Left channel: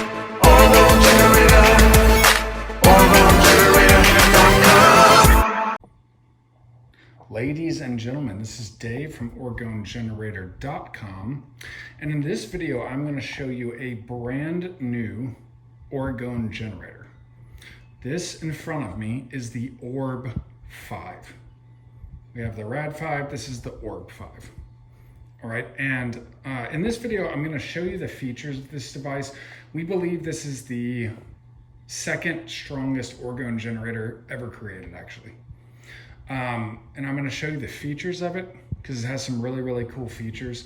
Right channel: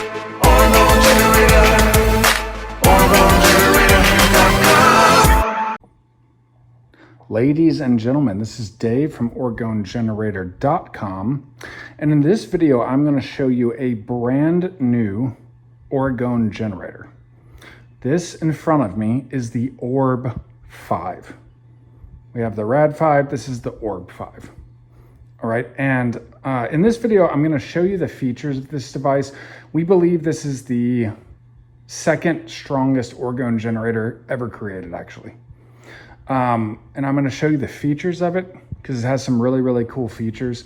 Orgone Generator, OrgoneGenerator.com. Ladies and gentlemen, this is Dave from OrgoneGenerator.com, and in this video I'm going to show you a brand new Orgone generator. This in front of me is the ORB5. We have the RAD5, this is the ORB5. All right, and in this video I'm going to show you the features of this device. We believe this is the second strongest Orgone generator ever created, actually. And I'm going to show you the features of it because it has some really cool features.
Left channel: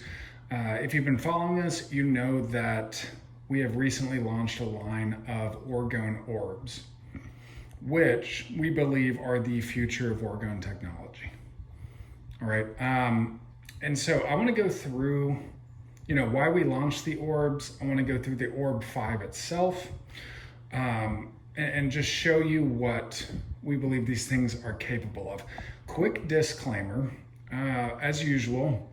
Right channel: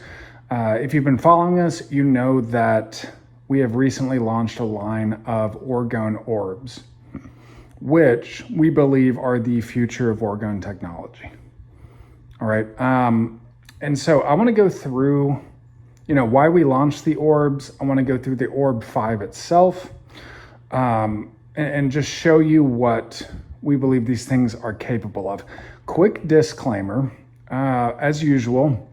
If you've been following us, you know that we have recently launched a line of Orgone orbs, which we believe are the future of Orgone technology. All right, and so I want to go through, why we launched the orbs. I want to go through the ORB5 itself, and just show you what we believe these things are capable of. Quick disclaimer, as usual,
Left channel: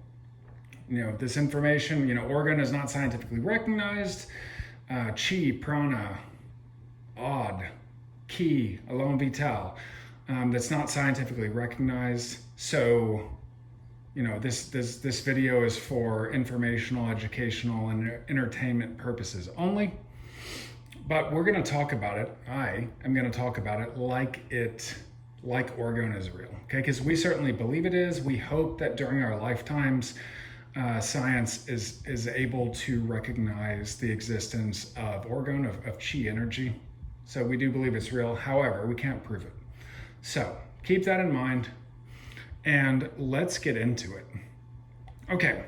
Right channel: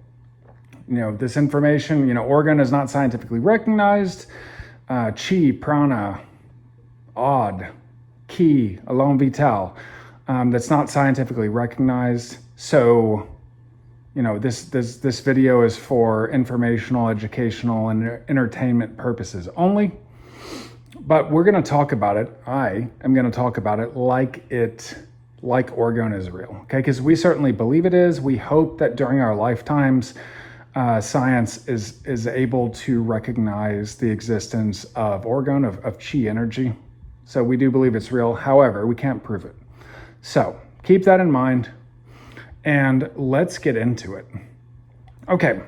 this information, Orgone is not scientifically recognized. Chi, prana, odd, ki, alone vital, that's not scientifically recognized. So, this video is for informational, educational, and entertainment purposes only. But we're going to talk about it. I am going to talk about it like Orgone is real, okay? Because we certainly believe it is. We hope that during our lifetimes, science is able to recognize the existence of Orgone, of chi energy. So we do believe it's real. However, we can't prove it. So keep that in mind, and let's get into it. Okay,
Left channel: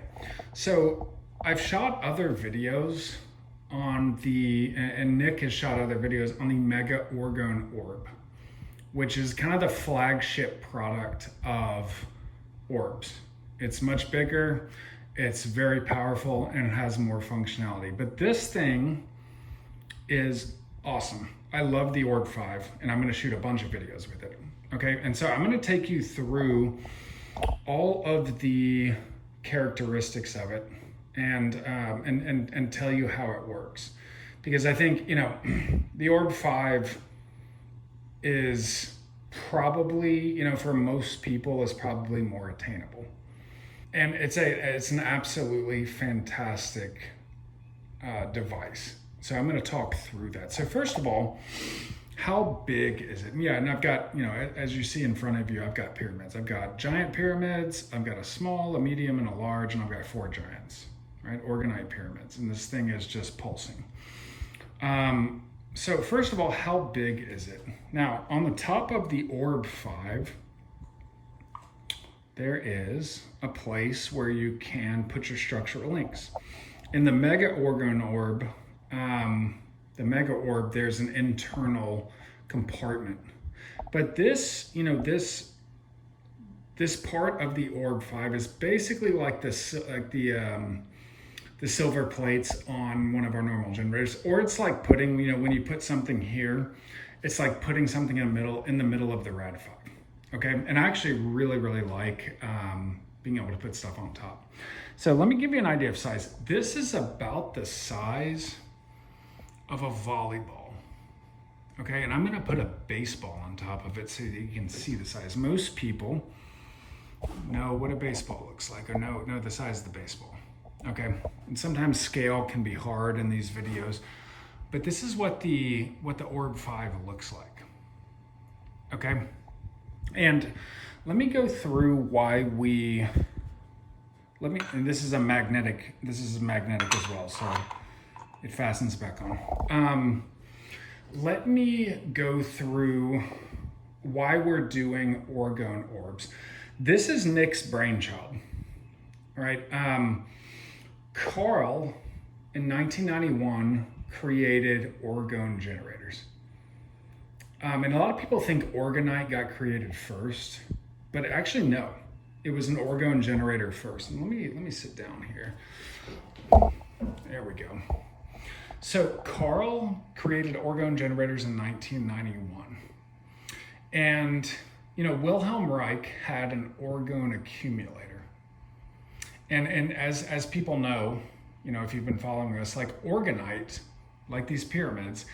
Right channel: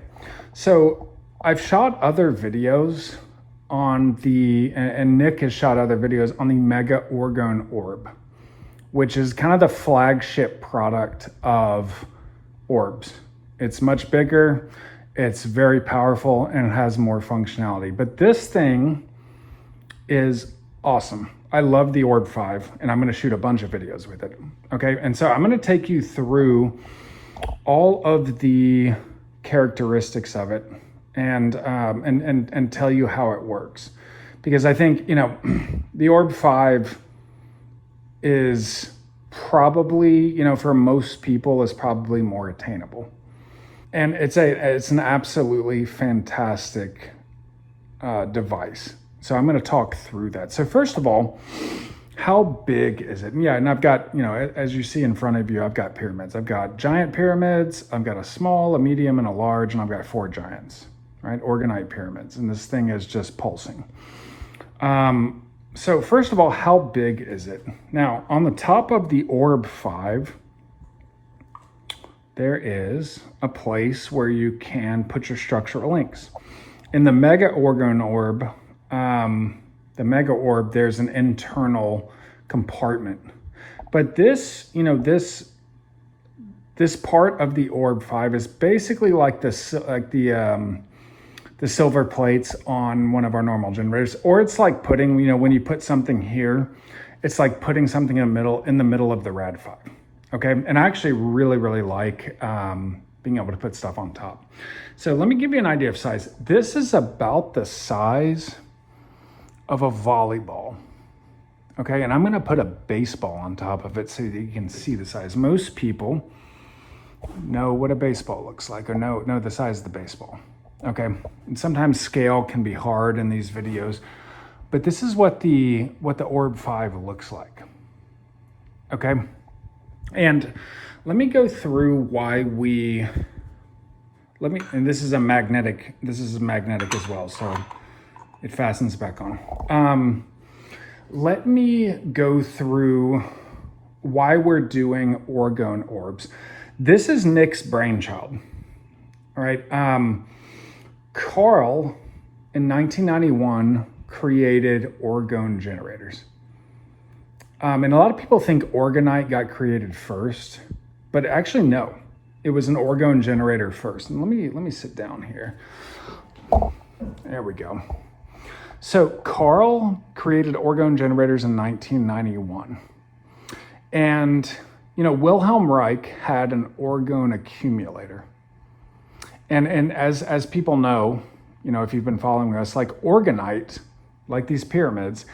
so I've shot other videos on and Nick has shot other videos on the Mega Orgone Orb, which is kind of the flagship product of orbs. It's much bigger, it's very powerful, and it has more functionality. But this thing is awesome. I love the ORB5, and I'm gonna shoot a bunch of videos with it, okay? And so I'm gonna take you through all of the characteristics of it, and tell you how it works, because I think the ORB5 is probably for most people is probably more attainable, and it's an absolutely fantastic device. So I'm going to talk through that. So first of all, how big is it? Yeah, and I've got, as you see in front of you, I've got pyramids. I've got giant pyramids, I've got a small, a medium, and a large, and I've got 4 giants. Right, orgonite pyramids, and this thing is just pulsing. So first of all, how big is it? Now, on the top of the ORB5, there is a place where you can put your structural links. In the Mega Orgone Orb, the Mega Orb, there's an internal compartment. But this, this part of the ORB5 is basically like the silver plates on one of our normal generators, or it's like putting, when you put something here, it's like putting something in the middle of the RAD5. Okay, and I actually really like being able to put stuff on top. So let me give you an idea of size. This is about the size of a volleyball. Okay, and I'm going to put a baseball on top of it so that you can see the size. Most people know what a baseball looks like, or know the size of the baseball. Okay, and sometimes scale can be hard in these videos, but this is what the ORB5 looks like. Okay, and let me go through why and this is magnetic as well, so it fastens back on. Let me go through why we're doing Orgone orbs. This is Nick's brainchild. All right. Carl, in 1991, created Orgone generators. And a lot of people think orgonite got created first, but actually no, it was an Orgone generator first. And let me sit down here. There we go. So Carl created Orgone generators in 1991. And, Wilhelm Reich had an Orgone accumulator. And as people know, if you've been following us, like orgonite like these pyramids,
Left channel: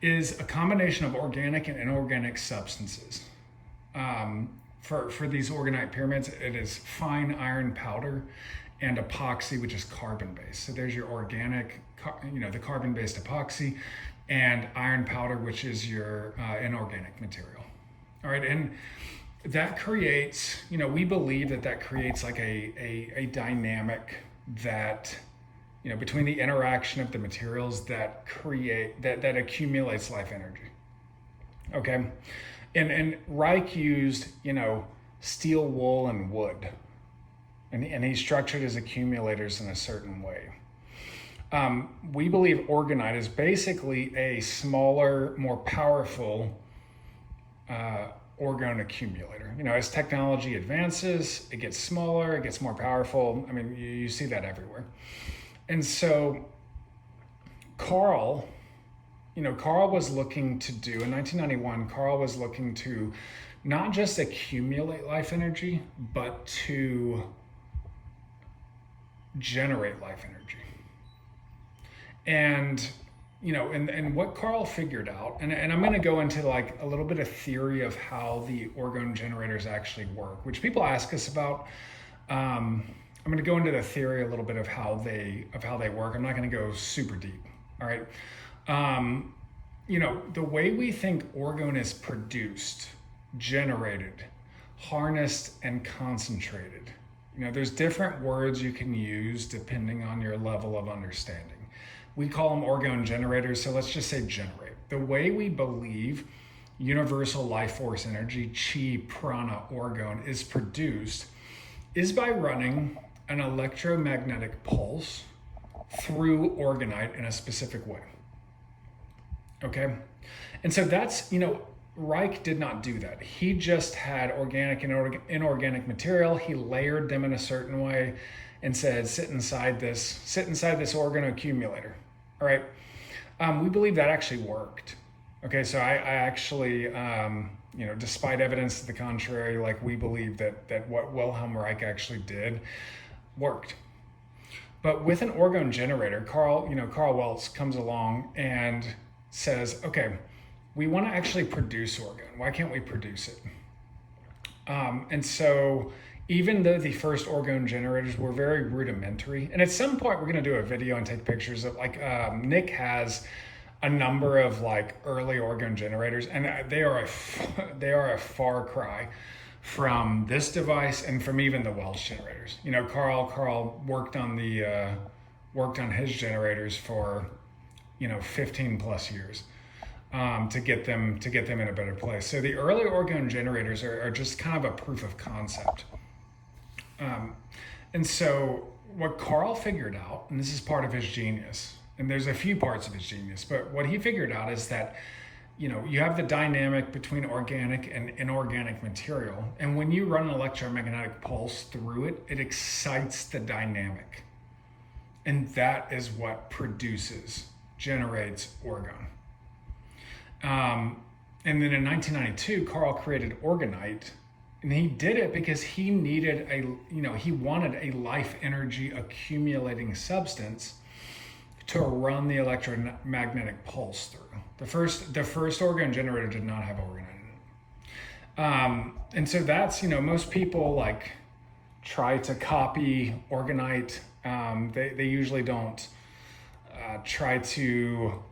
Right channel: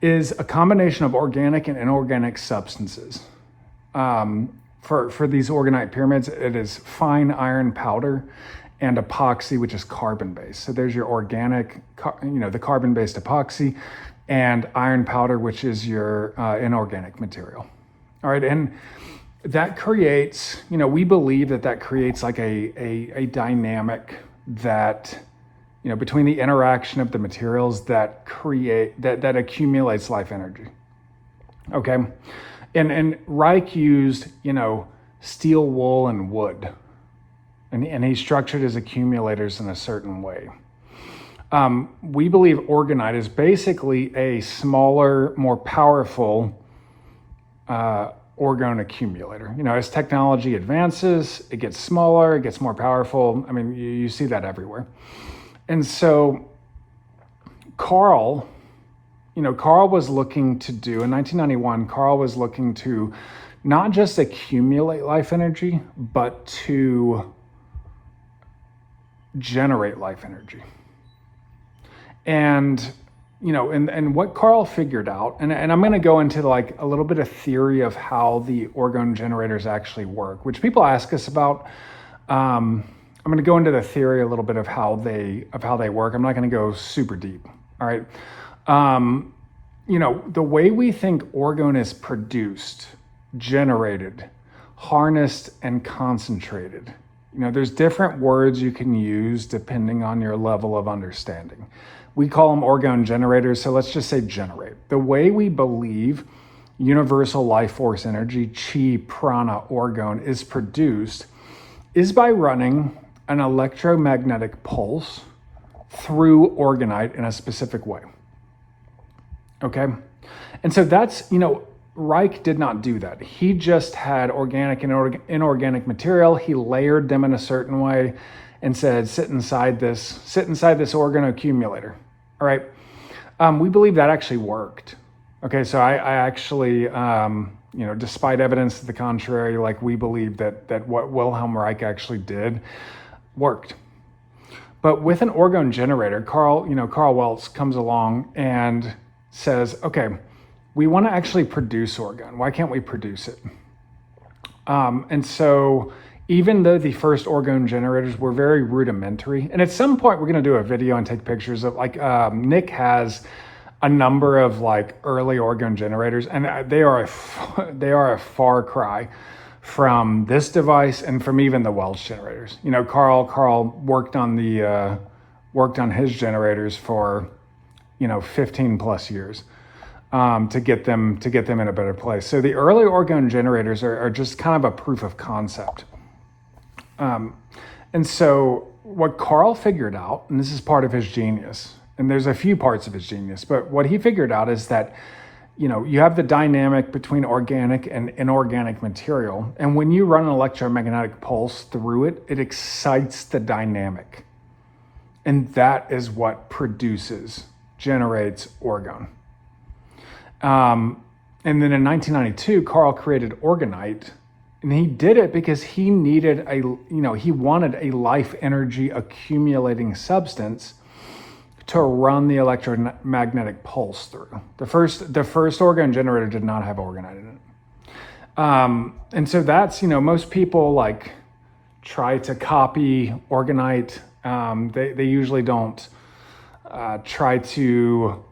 is a combination of organic and inorganic substances. For these orgonite pyramids, it is fine iron powder and epoxy, which is carbon-based. So there's your organic, the carbon-based epoxy, and iron powder, which is your inorganic material. All right, and that creates, we believe that creates like a dynamic that, between the interaction of the materials that accumulates life energy. Okay, and Reich used, steel, wool, and wood. And he structured his accumulators in a certain way. We believe orgonite is basically a smaller, more powerful orgone accumulator. As technology advances, it gets smaller, it gets more powerful. I mean, you see that everywhere. And so Carl was looking to do, in 1991, Carl was looking to not just accumulate life energy, but to generate life energy. And and what Carl figured out, and I'm going to go into like a little bit of theory of how the orgone generators actually work, which people ask us about. I'm going to go into the theory a little bit of how they work. I'm not going to go super deep. All right. The way we think orgone is produced, generated, harnessed, and concentrated. There's different words you can use depending on your level of understanding. We call them orgone generators, so let's just say generate. The way we believe universal life force energy, chi, prana, orgone, is produced is by running an electromagnetic pulse through orgonite in a specific way. Okay? And so that's, Reich did not do that. He just had organic and inorganic material. He layered them in a certain way and said, sit inside this orgone accumulator. All right. We believe that actually worked. Okay. So I actually, despite evidence to the contrary, like we believe that what Wilhelm Reich actually did worked. But with an orgone generator, Carl Welz comes along and says, okay, we want to actually produce orgone. Why can't we produce it? And so even though the first orgone generators were very rudimentary, and at some point we're going to do a video and take pictures of Nick has a number of like early orgone generators, and they are a far cry from this device and from even the Welch generators. Carl worked on his generators for 15 plus years. To get them in a better place. So the early orgone generators are just kind of a proof of concept. And so what Carl figured out, and this is part of his genius, and there's a few parts of his genius, but what he figured out is that, you have the dynamic between organic and inorganic material. And when you run an electromagnetic pulse through it, it excites the dynamic. And that is what generates orgone. And then in 1992, Carl created orgonite, and he did it because he needed he wanted a life energy accumulating substance to run the electromagnetic pulse through. The first orgone generator did not have orgonite in it. And so that's, most people like try to copy orgonite. They usually don't try to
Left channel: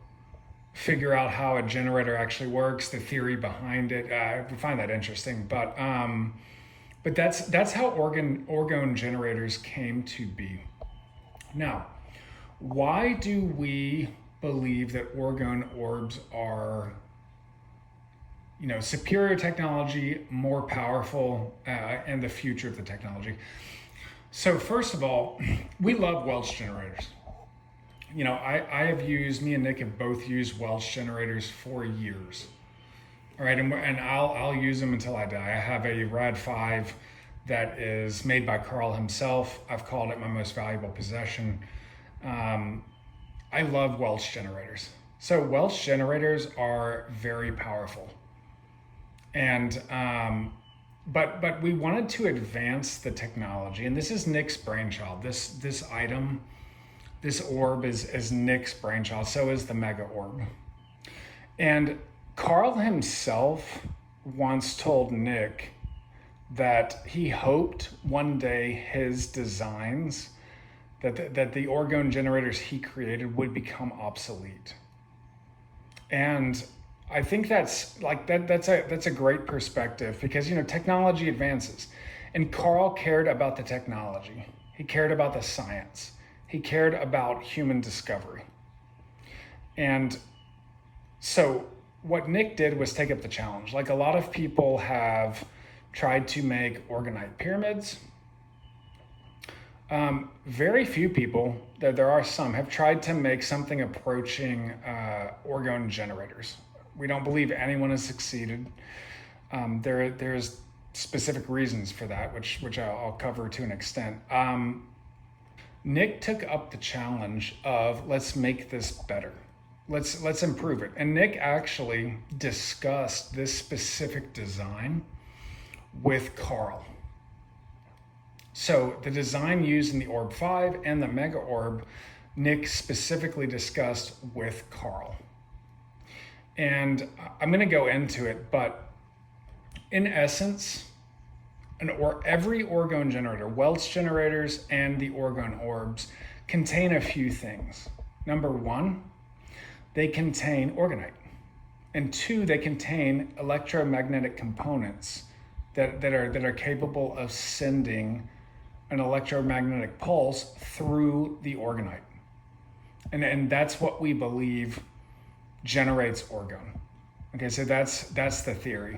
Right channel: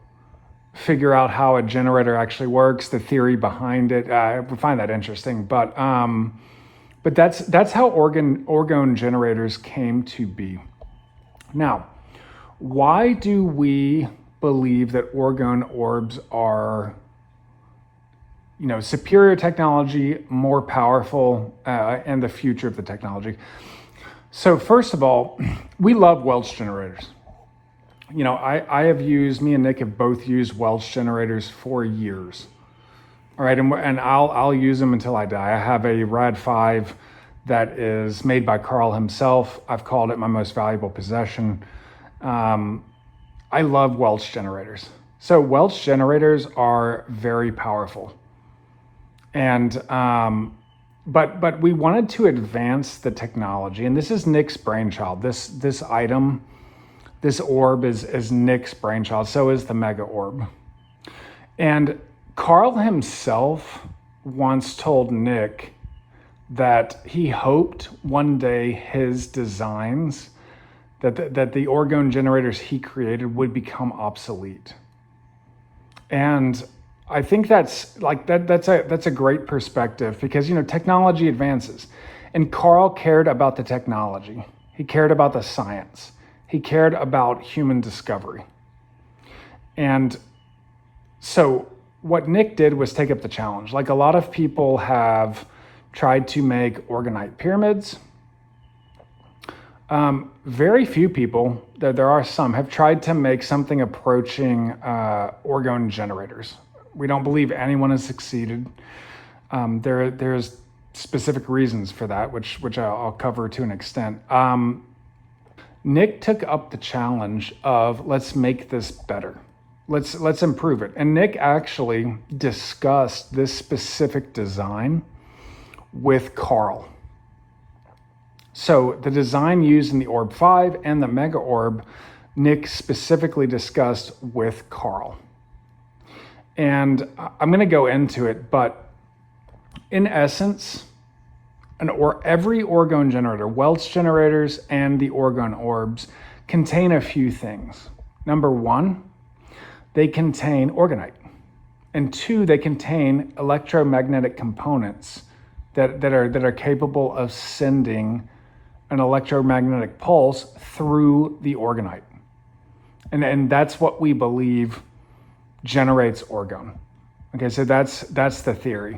figure out how a generator actually works, the theory behind it. I find that interesting, but that's how orgone generators came to be. Now, why do we believe that orgone orbs are, superior technology, more powerful, and the future of the technology? So first of all, we love Welch generators. Me and Nick have both used Welch generators for years. All right, and I'll use them until I die. I have a Rad 5 that is made by Carl himself. I've called it my most valuable possession. I love Welch generators. So Welch generators are very powerful. And but we wanted to advance the technology, and this is Nick's brainchild. This item This orb is Nick's brainchild, so is the mega orb. And Carl himself once told Nick that he hoped one day his designs, that the Orgone generators he created would become obsolete. And I think that's a great perspective, because, you know, technology advances, and Carl cared about the technology. He cared about the science. He cared about human discovery. And so what Nick did was take up the challenge. Like, a lot of people have tried to make orgonite pyramids. Very few people, there are some, have tried to make something approaching Orgone generators. We don't believe anyone has succeeded. There's specific reasons for that, which I'll cover to an extent. Nick took up the challenge of, let's make this better. Let's improve it. And Nick actually discussed this specific design with Carl. So the design used in the ORB5 and the Mega Orb, Nick specifically discussed with Carl. And I'm going to go into it, but in essence, every Orgone generator, Welch generators and the Orgone orbs, contain a few things. Number one, they contain orgonite. And two, they contain electromagnetic components that are capable of sending an electromagnetic pulse through the orgonite. And that's what we believe generates orgone. Okay, so that's the theory.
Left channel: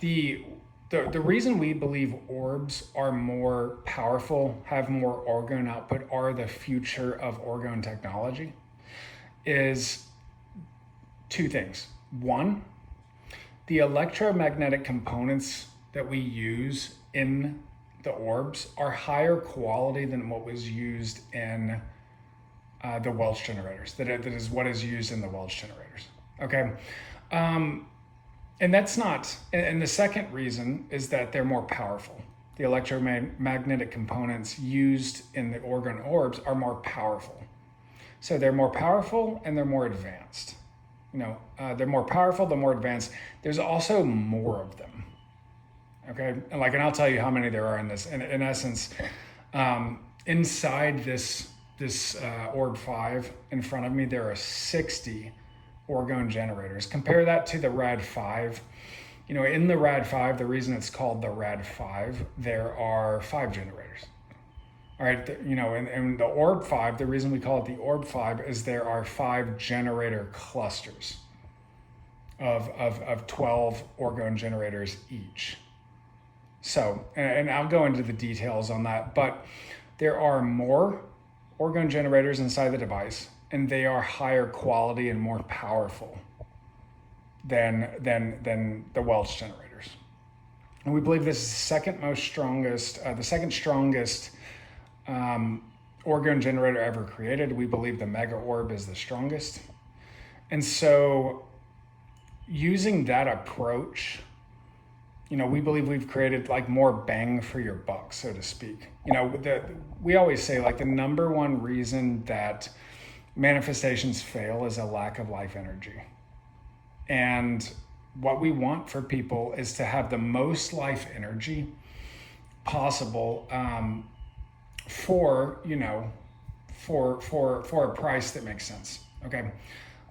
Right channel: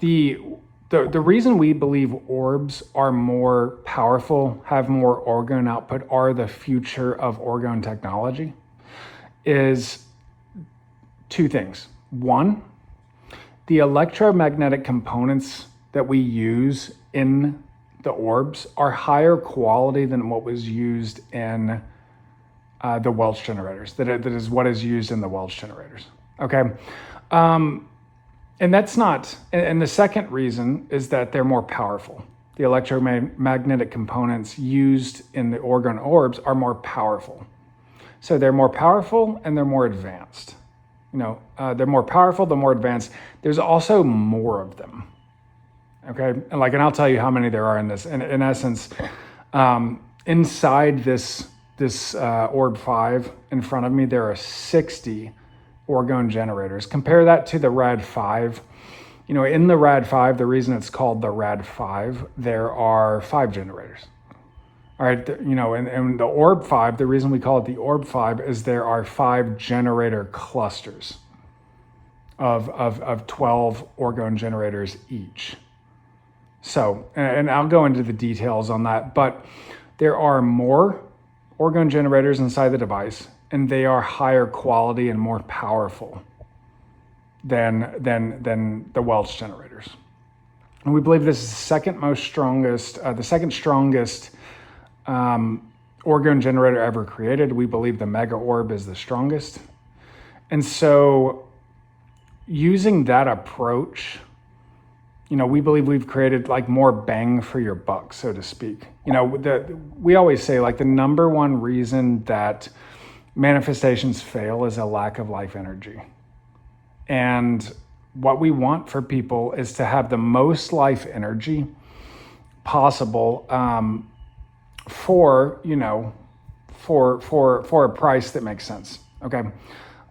The reason we believe orbs are more powerful, have more orgone output, are the future of orgone technology, is two things. One, the electromagnetic components that we use in the orbs are higher quality than what was used in the Welch generators. That is what is used in the Welch generators. Okay. And that's not, and the second reason is that they're more powerful. The electromagnetic components used in the Orgone orbs are more powerful. So they're more powerful and they're more advanced. You know, they're more powerful, they're more advanced. There's also more of them. Okay, and I'll tell you how many there are in this. In essence, inside this ORB5 in front of me, there are 60 Orgone generators. Compare that to the RAD5. You know, in the RAD5, the reason it's called the RAD5, there are 5 generators. All right, you know, and the ORB5, the reason we call it the ORB5 is there are 5 generator clusters of 12 Orgone generators each. So, and I'll go into the details on that, but there are more Orgone generators inside the device, and they are higher quality and more powerful than the Welch generators. And we believe this is the second strongest Orgone generator ever created. We believe the Mega Orb is the strongest. And so using that approach, you know, we believe we've created more bang for your buck, so to speak. You know, we always say the number one reason that manifestations fail is a lack of life energy. And what we want for people is to have the most life energy possible for a price that makes sense. Okay.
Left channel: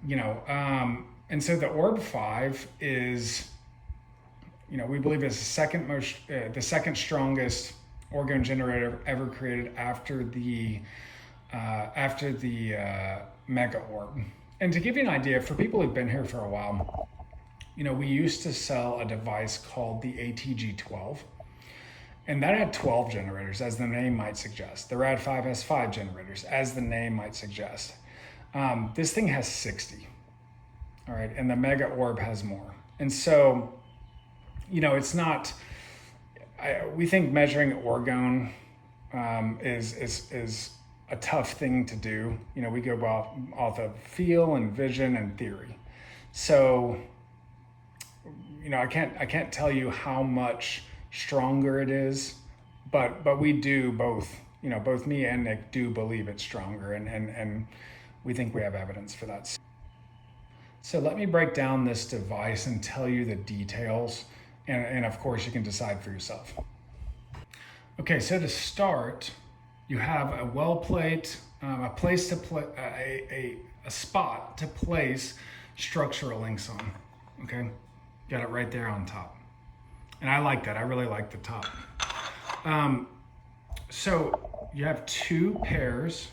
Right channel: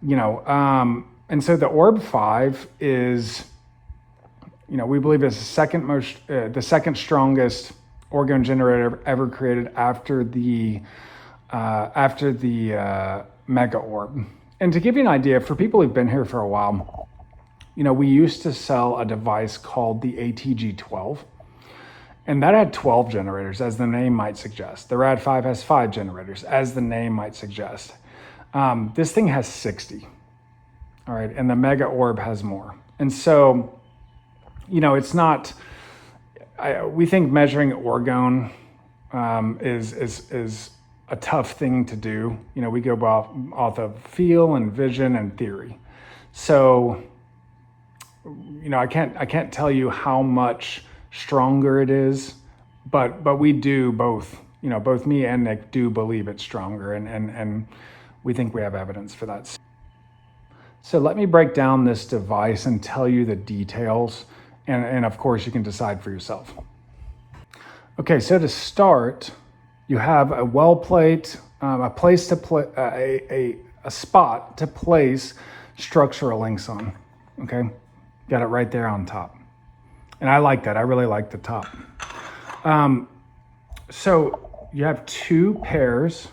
You know, and so the ORB5 is, you know, we believe is the second strongest Orgone generator ever created after the Mega Orb. And to give you an idea, for people who've been here for a while, you know, we used to sell a device called the ATG12, and that had 12 generators, as the name might suggest. The RAD5 has 5 generators, as the name might suggest. This thing has 60, all right, and the Mega Orb has more. And so, you know, it's not, we think measuring orgone is a tough thing to do. You know, we go off of feel and vision and theory. So, you know, I can't tell you how much stronger it is, but we do both, you know, both me and Nick do believe it's stronger, and we think we have evidence for that. So let me break down this device and tell you the details, and of course you can decide for yourself. Okay, so to start, you have a well plate, a place to play, a spot to place structural links on. Okay, got it right there on top, and I like that. I really like the top. So you have two pairs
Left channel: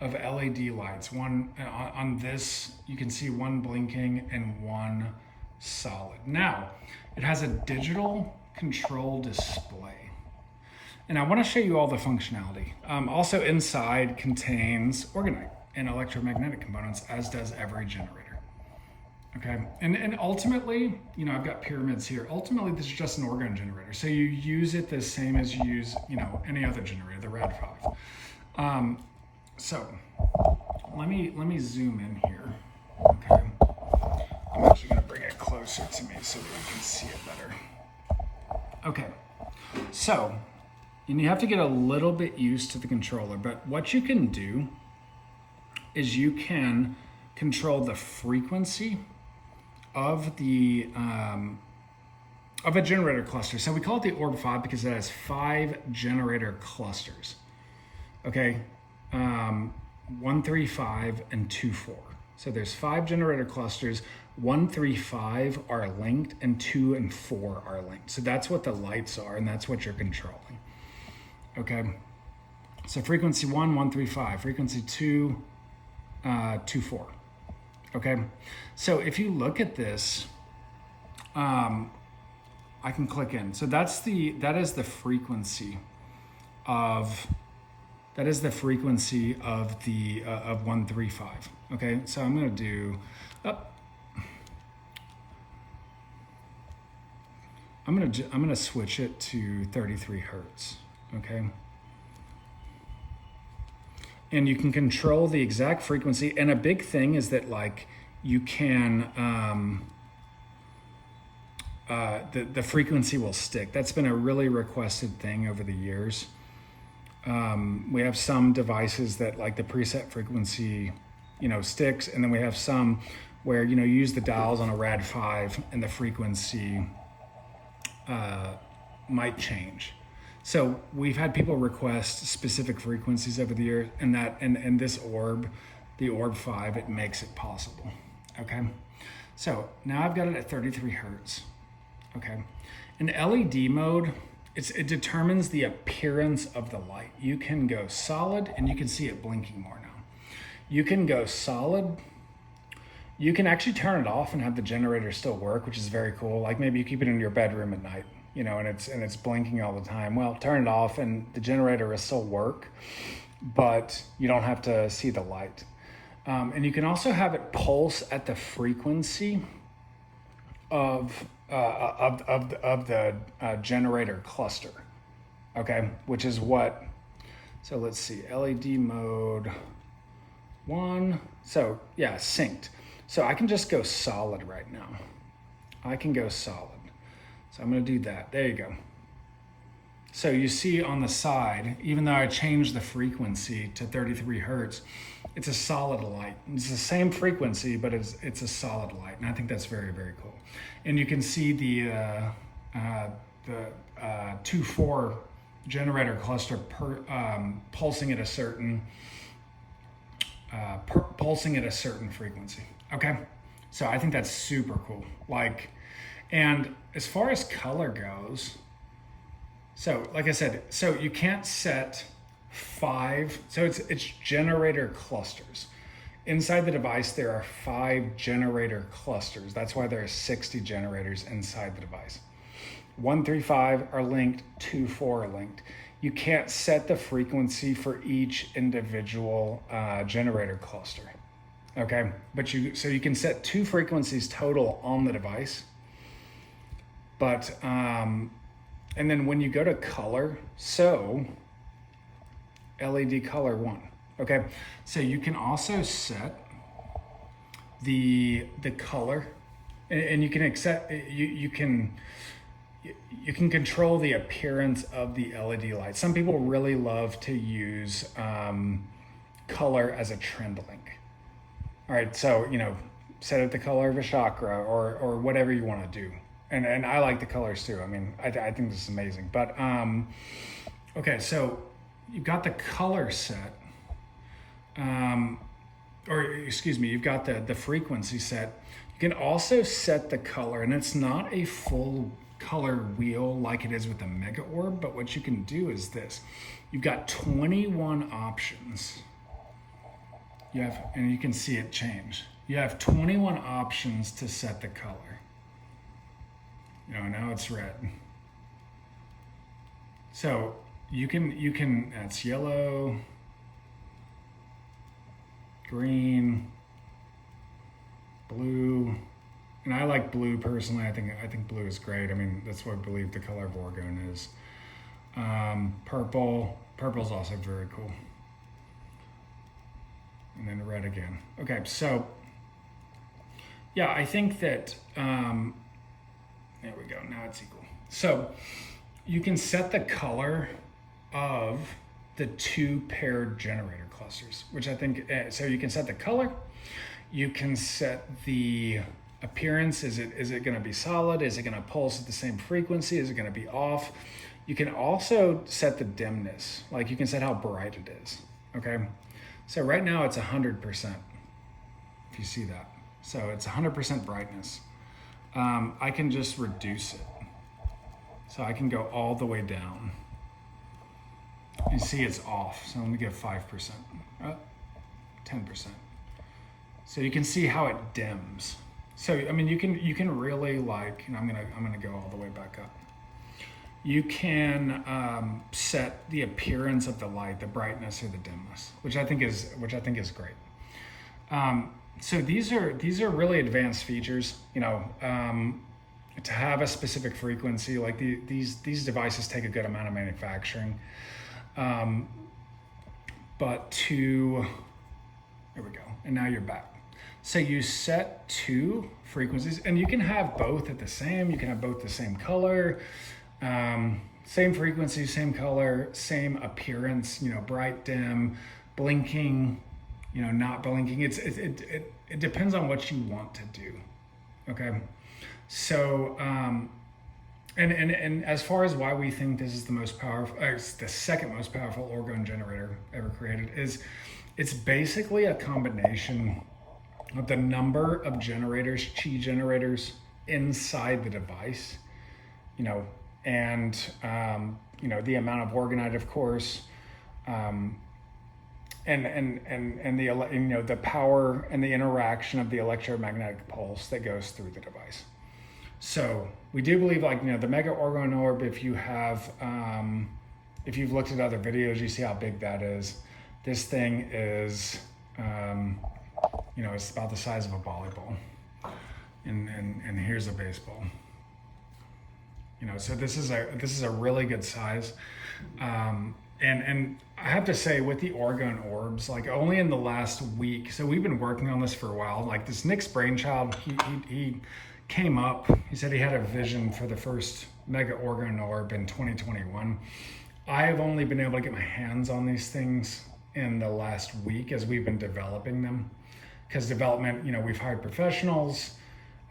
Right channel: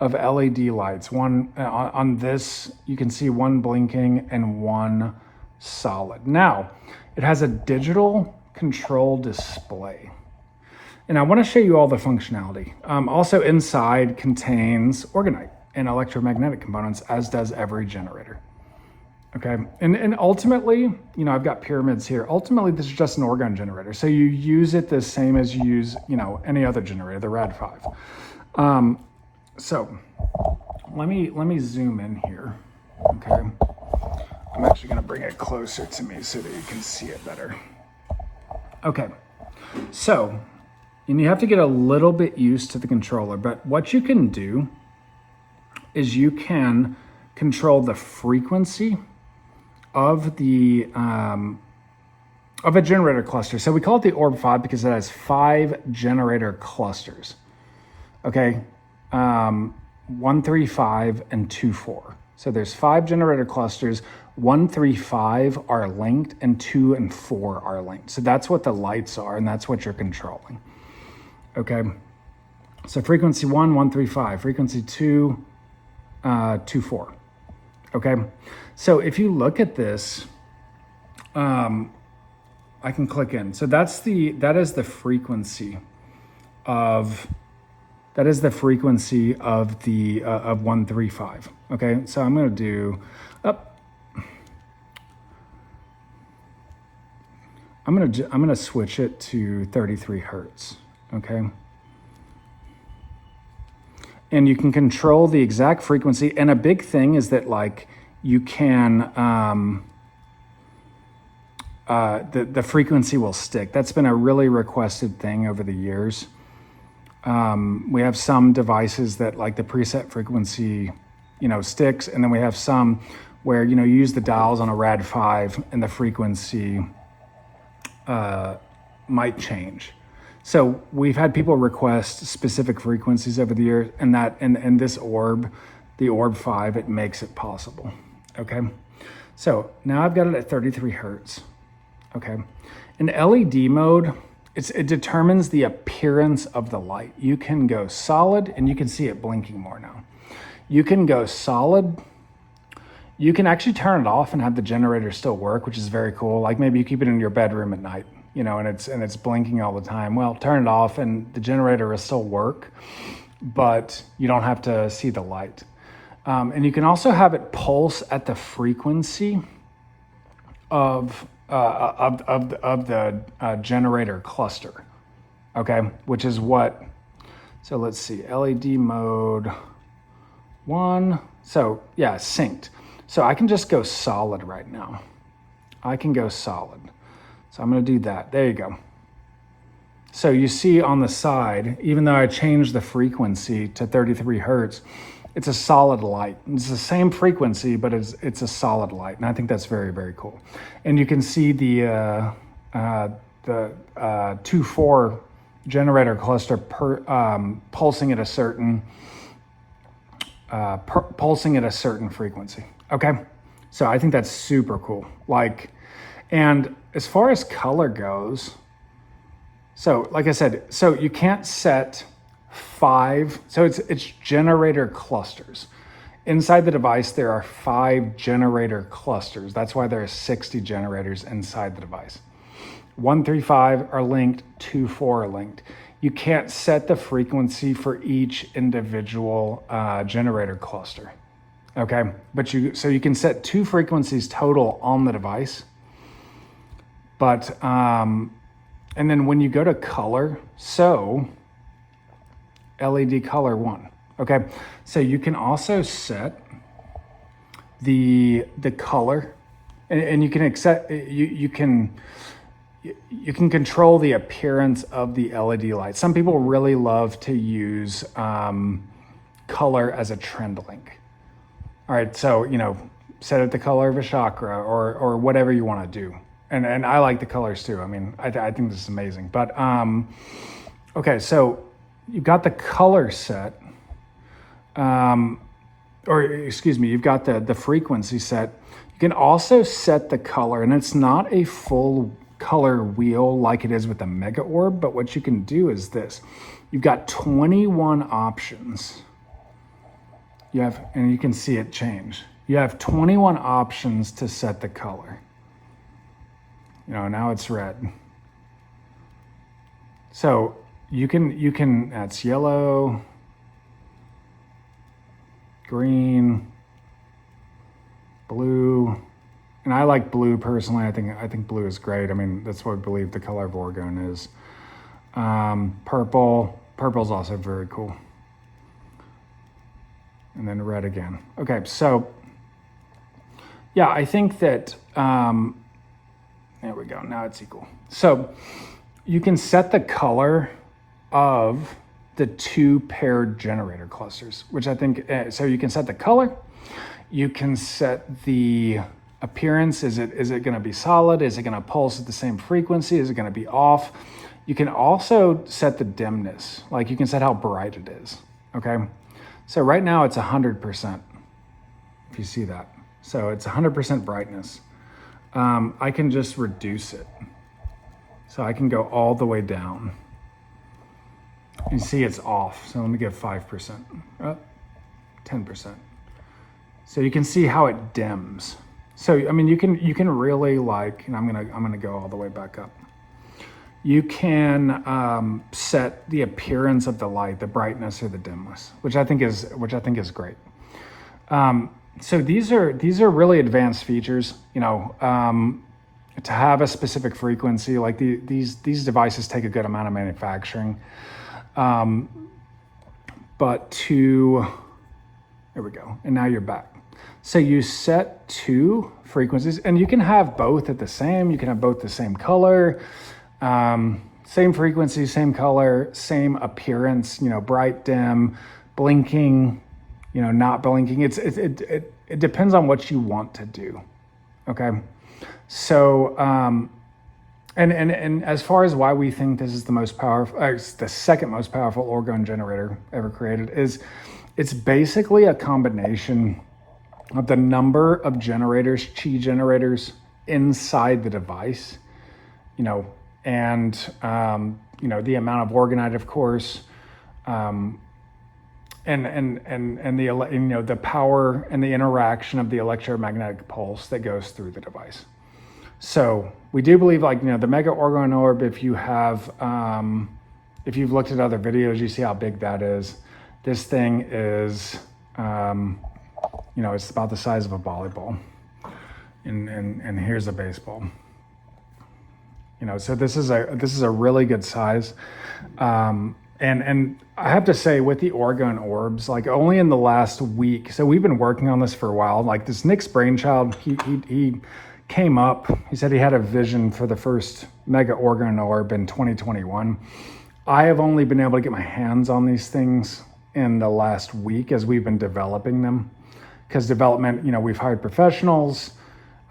of LED lights. One on this, you can see one blinking and one solid. Now, it has a digital control display. And I want to show you all the functionality. Also inside contains orgonite and electromagnetic components, as does every generator. Okay, and ultimately, you know, I've got pyramids here. Ultimately, this is just an orgone generator. So you use it the same as you use, you know, any other generator, the RAD5. So let me zoom in here. Okay, I'm actually going to bring it closer to me so that you can see it better. Okay, so, and you have to get a little bit used to the controller, but what you can do is you can control the frequency of the of a generator cluster. So we call it the ORB5 because it has 5 generator clusters. Okay, 1, 3, 5, and 2, 4. So there's 5 generator clusters. 1, 3, 5 are linked, and 2 and 4 are linked. So that's what the lights are, and that's what you're controlling. Okay, so frequency 1, 1, 3, 5. Frequency 2, 2, 4. Okay, so if you look at this, I can click in. So that is the frequency of of 135. Okay, so I'm going to do I'm going to switch it to 33 hertz. Okay, and you can control the exact frequency. And a big thing is that, like, you can the frequency will stick. That's been a really requested thing over the years. We have some devices that, like, the preset frequency, you know, sticks, and then we have some where, you know, you use the dials on a RAD5 and the frequency might change. So we've had people request specific frequencies over the year, and that and this orb, the ORB5, it makes it possible. Okay, so now I've got it at 33 hertz. Okay, in LED mode, it determines the appearance of the light. You can go solid, and you can see it blinking more now. You can go solid. You can actually turn it off and have the generator still work, which is very cool. Like, maybe you keep it in your bedroom at night, you know, and it's blinking all the time. Well, turn it off and the generator will still work, but you don't have to see the light. And you can also have it pulse at the frequency of the generator cluster. Okay, which is what. So let's see, LED mode 1. So yeah, synced. So I can just go solid right now. I can go solid. So I'm going to do that. There you go. So you see on the side, even though I changed the frequency to 33 hertz, it's a solid light. It's the same frequency, but it's a solid light. And I think that's very, very cool. And you can see the 2-4 generator cluster pulsing at a certain frequency. Okay, so I think that's super cool. Like, and as far as color goes, so like I said, so you can't set 5. So it's generator clusters. Inside the device, there are 5 generator clusters. That's why there are 60 generators inside the device. 1, 3, 5 are linked, 2, 4 are linked. You can't set the frequency for each individual generator cluster. Okay, but so you can set 2 frequencies total on the device. But and then when you go to color, so LED color 1. Okay, so you can also set the color, and you can accept, you you can control the appearance of the LED light. Some people really love to use color as a trend link. All right, so, you know, set it the color of a chakra or whatever you want to do. And I like the colors too. I mean, I think this is amazing. But, okay, so you've got the color set, or excuse me, you've got the frequency set. You can also set the color, and it's not a full color wheel like it is with the Mega Orb, but what you can do is this. You've got 21 options. And you can see it change. You have 21 options to set the color. You know, now it's red. So you can, that's yellow, green, blue, and I like blue personally. I think blue is great. I mean, that's what I believe the color of Orgone is. Purple's also very cool. And then red again. Okay, so yeah, I think that, there we go, now it's equal. So you can set the color of the 2 paired generator clusters, which I think, so you can set the color, you can set the appearance. Is it gonna be solid? Is it gonna pulse at the same frequency? Is it gonna be off? You can also set the dimness, like you can set how bright it is, okay? So right now it's 100%, if you see that. So it's 100% brightness. I can just reduce it. So I can go all the way down. You see it's off, so let me give 5%, 10%. So you can see how it dims. So, I mean, you can really like, and I'm gonna go all the way back up. You can set the appearance of the light, the brightness or the dimness, which I think is great. So these are really advanced features. You know, to have a specific frequency, like these devices take a good amount of manufacturing. But there we go, and now you're back. So you set 2 frequencies, and you can have both at the same. You can have both the same color. Same frequency, same color, same appearance, you know, bright, dim, blinking, you know, not blinking. It depends on what you want to do. Okay. So, and as far as why we think this is the most powerful, it's the second most powerful Orgone generator ever created, is it's basically a combination of the number of generators, chi generators inside the device, you know, and, you know, the amount of orgonite, of course, and the, you know, the power and the interaction of the electromagnetic pulse that goes through the device. So we do believe, like, you know, the Mega Orgone Orb, if you have, if you've looked at other videos, you see how big that is. This thing is, you know, it's about the size of a volleyball, and here's a baseball. You know, so this is a really good size. And I have to say, with the Orgone orbs, like only in the last week, so we've been working on this for a while. Like this Nick's brainchild, he came up, he said he had a vision for the first Mega Orgone Orb in 2021. I have only been able to get my hands on these things in the last week as we've been developing them. Because development, you know, we've hired professionals,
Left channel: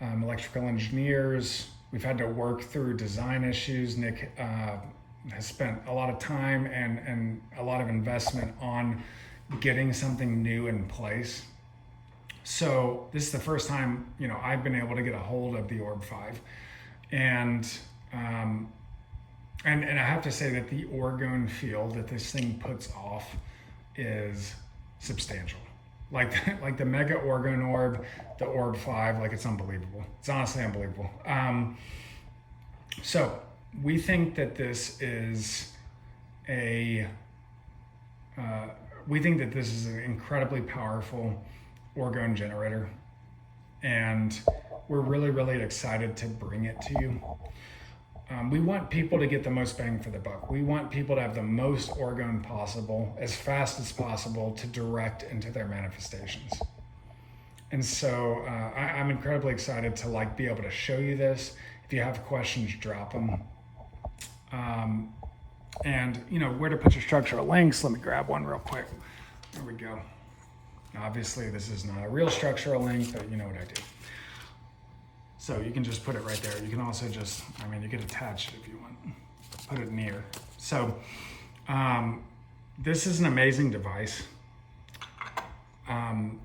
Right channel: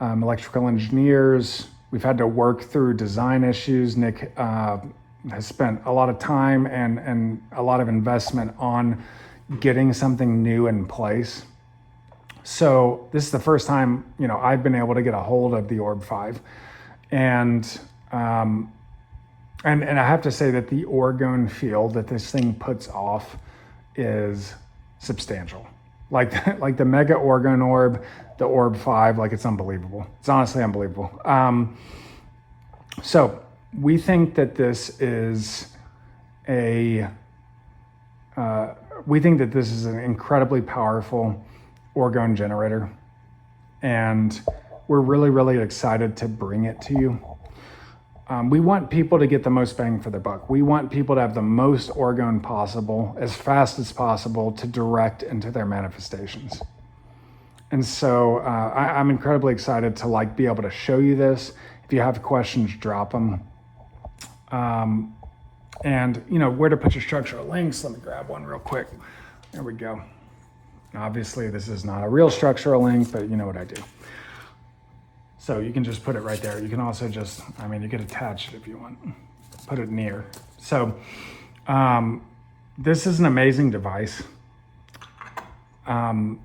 electrical engineers. We've had to work through design issues. Nick has spent a lot of time and a lot of investment on getting something new in place. So this is the first time, you know, I've been able to get a hold of the ORB5. And I have to say that the Orgone field that this thing puts off is substantial. Like the Mega Orgone Orb, the ORB5, like it's unbelievable. It's honestly unbelievable. So we think that this is we think that this is an incredibly powerful Orgone generator, and we're really, really excited to bring it to you. We want people to get the most bang for their buck. We want people to have the most Orgone possible, as fast as possible, to direct into their manifestations. And so I'm incredibly excited to be able to show you this. If you have questions, drop them. And you know, where to put your structural links. Let me grab one real quick. There we go. Obviously this is not a real structural link, but you know what I do. So you can just put it right there. You can also just, I mean, you could attach it if you want, put it near. So this is an amazing device. And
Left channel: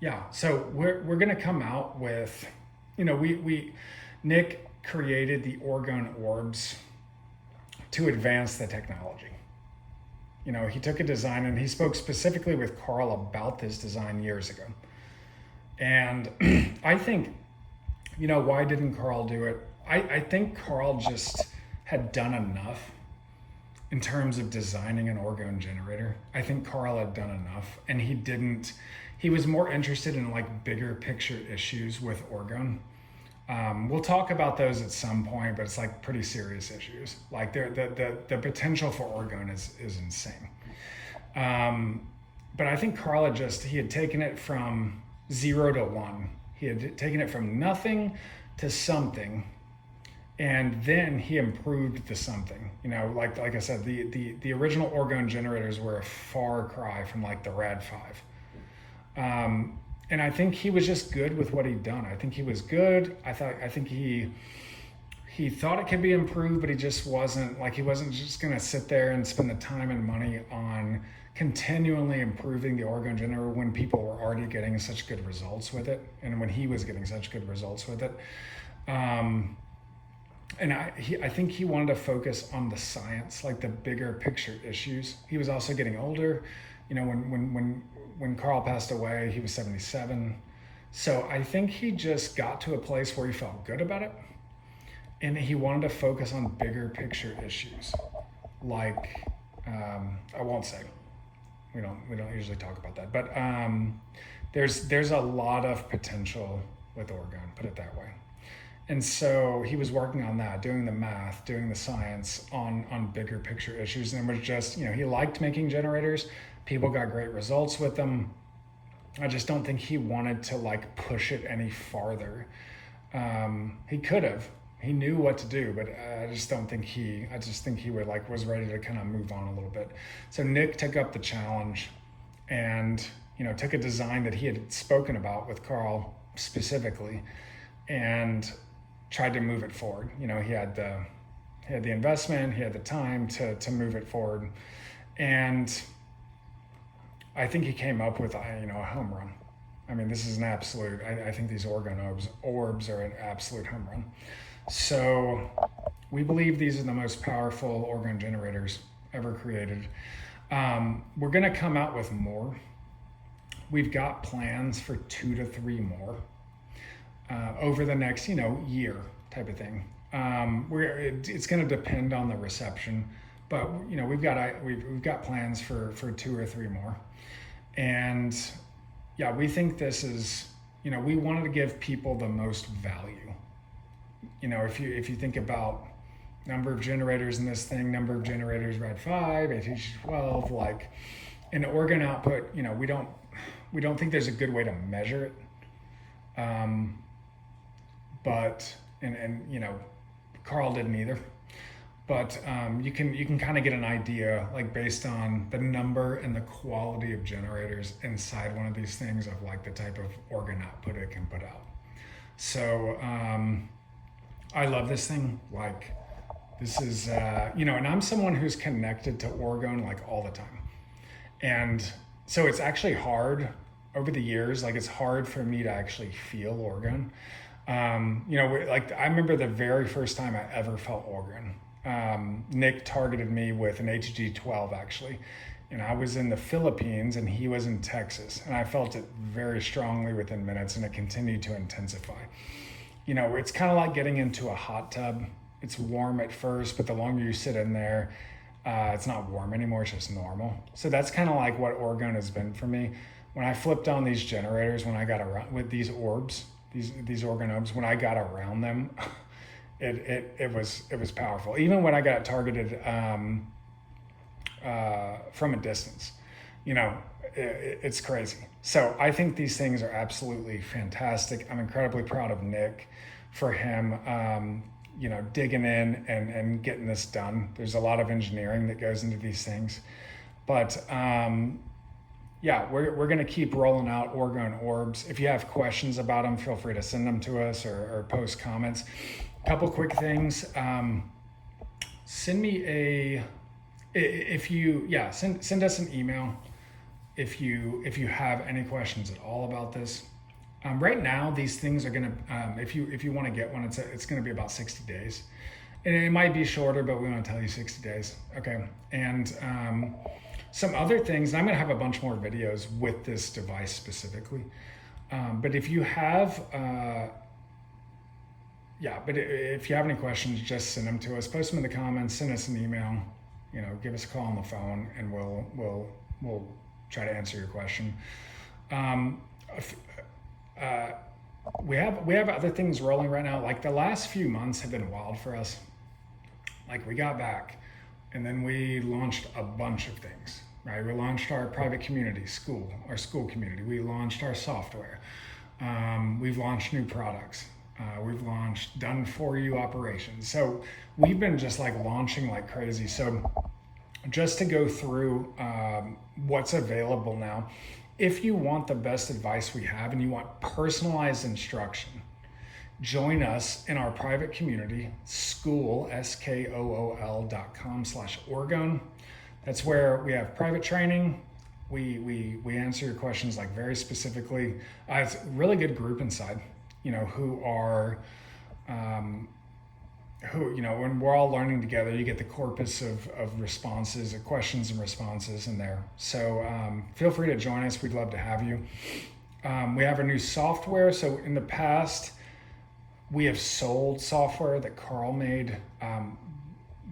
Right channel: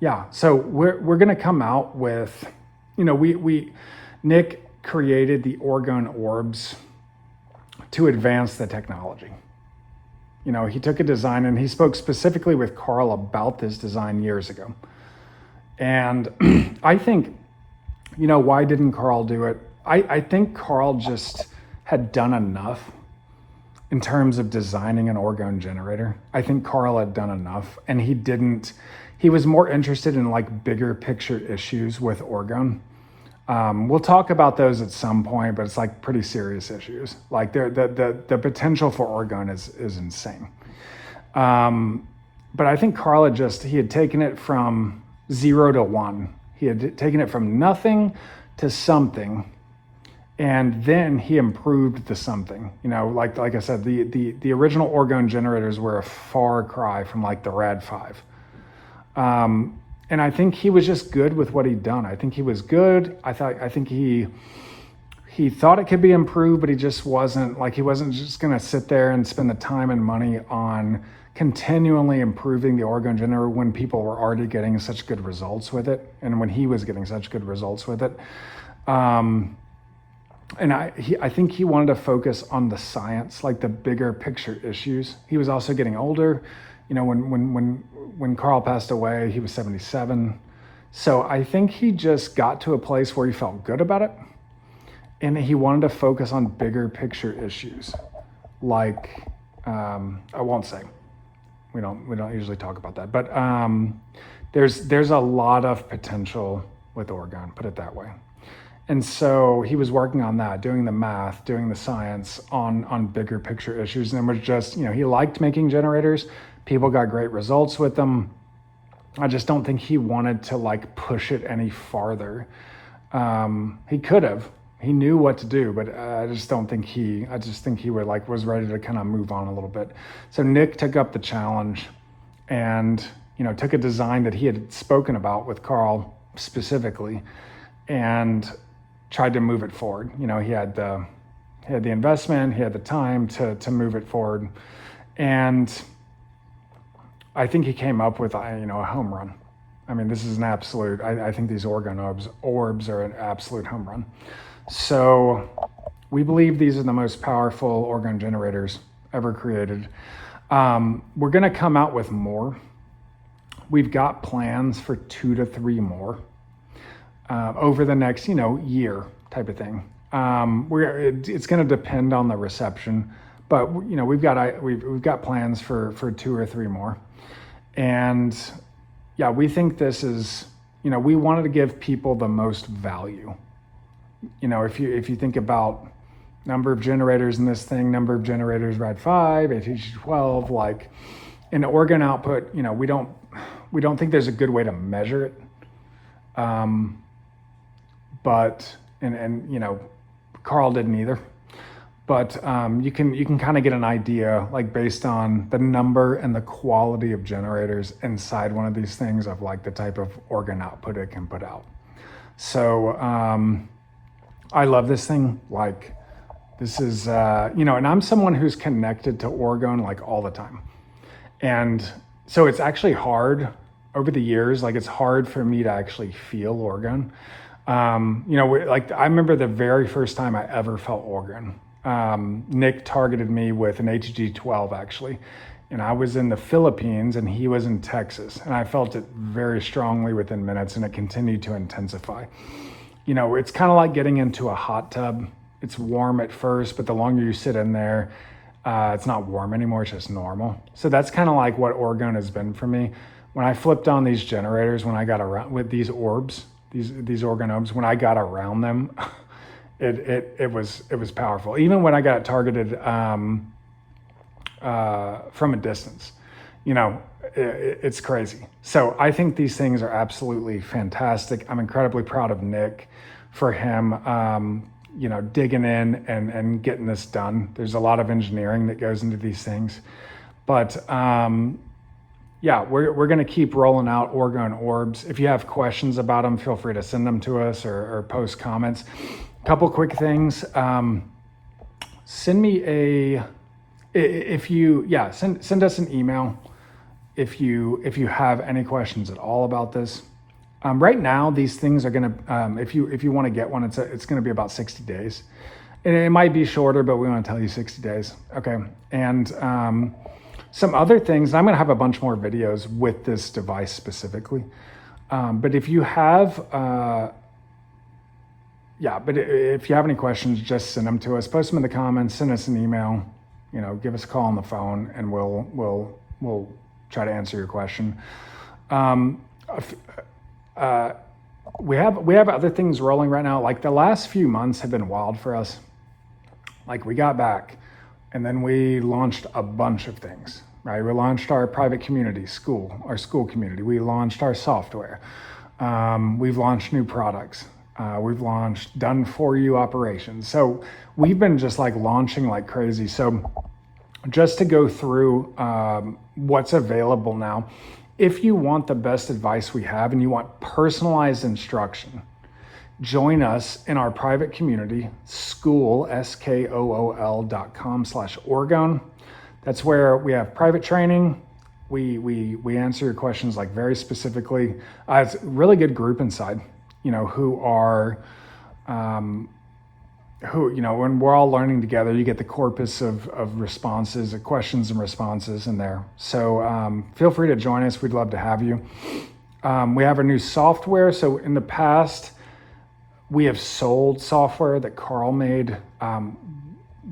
yeah, so we're gonna come out with, you know, Nick created the Orgone orbs to advance the technology. You know, he took a design and he spoke specifically with Carl about this design years ago. And I think, you know, why didn't Carl do it? I think Carl just had done enough in terms of designing an Orgone generator. I think Carl had done enough, and he was more interested in like bigger picture issues with Orgone. We'll talk about those at some point, but it's like pretty serious issues. Like the potential for Orgone is insane. But I think Carl he had taken it from 0 to 1. He had taken it from nothing to something, and then he improved the something. You know, like I said, the original Orgone generators were a far cry from like the Rad 5. And I think he was just good with what he'd done. I think he was good. I think he thought it could be improved, but he wasn't just gonna sit there and spend the time and money on continually improving the Orgone generator when people were already getting such good results with it, and when he was getting such good results with it. And I think he wanted to focus on the science, like the bigger picture issues. He was also getting older. You know, when Carl passed away, he was 77. So I think he just got to a place where he felt good about it, and he wanted to focus on bigger picture issues. Like, I won't say, we don't usually talk about that, but there's a lot of potential with Orgone, put it that way. And so he was working on that, doing the math, doing the science on bigger picture issues. And it was just, you know, he liked making generators. People got great results with them. I just don't think he wanted to like push it any farther. He could have, he knew what to do, but I just think he was ready to kind of move on a little bit. So Nick took up the challenge and, you know, took a design that he had spoken about with Carl specifically and tried to move it forward. You know, he had the investment, he had the time to move it forward. And I think he came up with, you know, a home run. I mean, this is an absolute, I think these Orgone orbs are an absolute home run. So we believe these are the most powerful Orgone generators ever created. We're gonna come out with more. We've got plans for 2 to 3 more over the next, you know, year type of thing. It's gonna depend on the reception, but you know, we've got plans for 2 or 3 more. And yeah, we think this is, you know, we wanted to give people the most value. You know, if you think about number of generators in this thing, number of generators Rad 5, ATG 12, like in Orgone output, you know, we don't think there's a good way to measure it. But you know, Carl didn't either. But you can kind of get an idea, like based on the number and the quality of generators inside one of these things, of like the type of Orgone output it can put out. So I love this thing. Like, this is, you know, and I'm someone who's connected to Orgone like all the time. And so it's actually hard over the years, like it's hard for me to actually feel Orgone. You know, like I remember the very first time I ever felt Orgone. Nick targeted me with an ATG 12 actually. And I was in the Philippines and he was in Texas, and I felt it very strongly within minutes, and it continued to intensify. You know, it's kind of like getting into a hot tub. It's warm at first, but the longer you sit in there, it's not warm anymore, it's just normal. So that's kind of like what Orgone has been for me. When I flipped on these generators, when I got around with these orbs, these Orgone orbs, when I got around them, it was powerful. Even when I got targeted from a distance, you know, it's crazy. So I think these things are absolutely fantastic. I'm incredibly proud of Nick for him, you know, digging in and getting this done. There's a lot of engineering that goes into these things, but yeah, we're going to keep rolling out Orgone orbs. If you have questions about them, feel free to send them to us or post comments. A couple quick things. Send me send us an email if you have any questions at all about this. Right now, these things are gonna, if you want to get one, it's gonna be about 60 days. And it might be shorter, but we want to tell you 60 days. Okay. And some other things, I'm gonna have a bunch more videos with this device specifically. But if you have, if you have any questions, just send them to us, post them in the comments, send us an email, you know, give us a call on the phone, and we'll try to answer your question. We have other things rolling right now. Like the last few months have been wild for us. Like we got back and then we launched a bunch of things, right? We launched our private community, our school community. We launched our software. We've launched new products. We've launched done for you operations. So we've been just like launching like crazy. So just to go through what's available now, if you want the best advice we have and you want personalized instruction, join us in our private community, skool.com/Orgone. That's where we have private training. We answer your questions like very specifically. It's a really good group inside, you know, who, you know, when we're all learning together, you get the corpus of responses, questions and responses in there. So feel free to join us. We'd love to have you. We have a new software. So in the past, we have sold software that Carl made.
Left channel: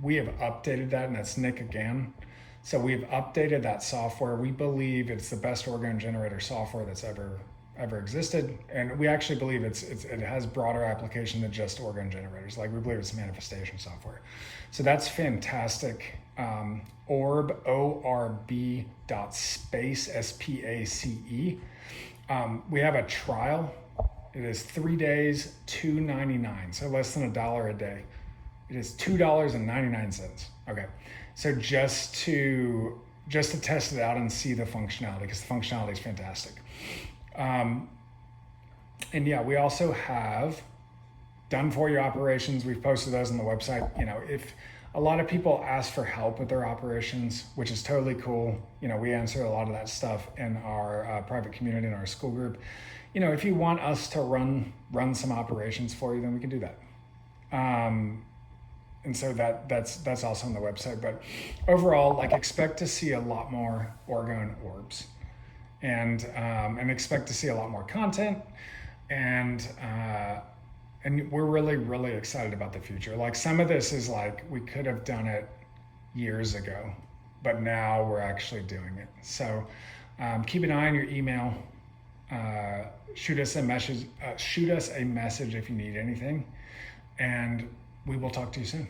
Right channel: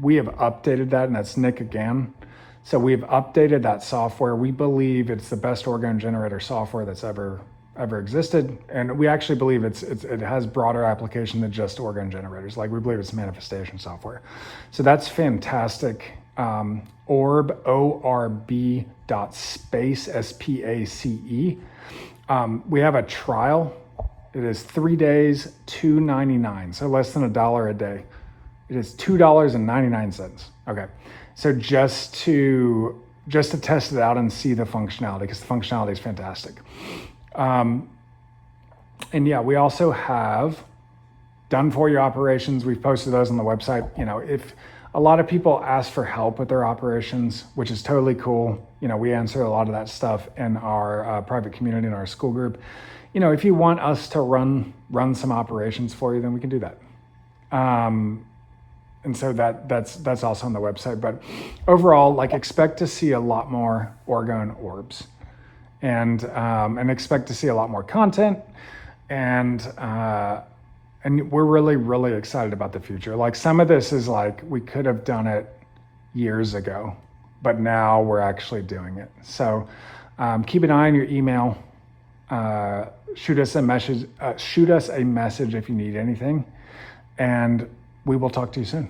We have updated that, and that's Nick again. So we've updated that software. We believe it's the best Orgone Generator software that's ever existed, and we actually believe it has broader application than just Orgone generators. Like we believe it's manifestation software. So that's fantastic. Orb ORB.space SPACE. We have a trial. It is 3 days, $2.99, so less than $1 a day. It is $2.99. Okay, so just to test it out and see the functionality, because the functionality is fantastic. And yeah, we also have done for you operations. We've posted those on the website. You know, if a lot of people ask for help with their operations, which is totally cool. You know, we answer a lot of that stuff in our private community in our school group. You know, if you want us to run some operations for you, then we can do that. And so that's also on the website. But overall, like, expect to see a lot more Orgone orbs. And expect to see a lot more content, and we're really, really excited about the future. Like, some of this is like, we could have done it years ago, but now we're actually doing it. So keep an eye on your email. Shoot us a message if you need anything, and we will talk to you soon.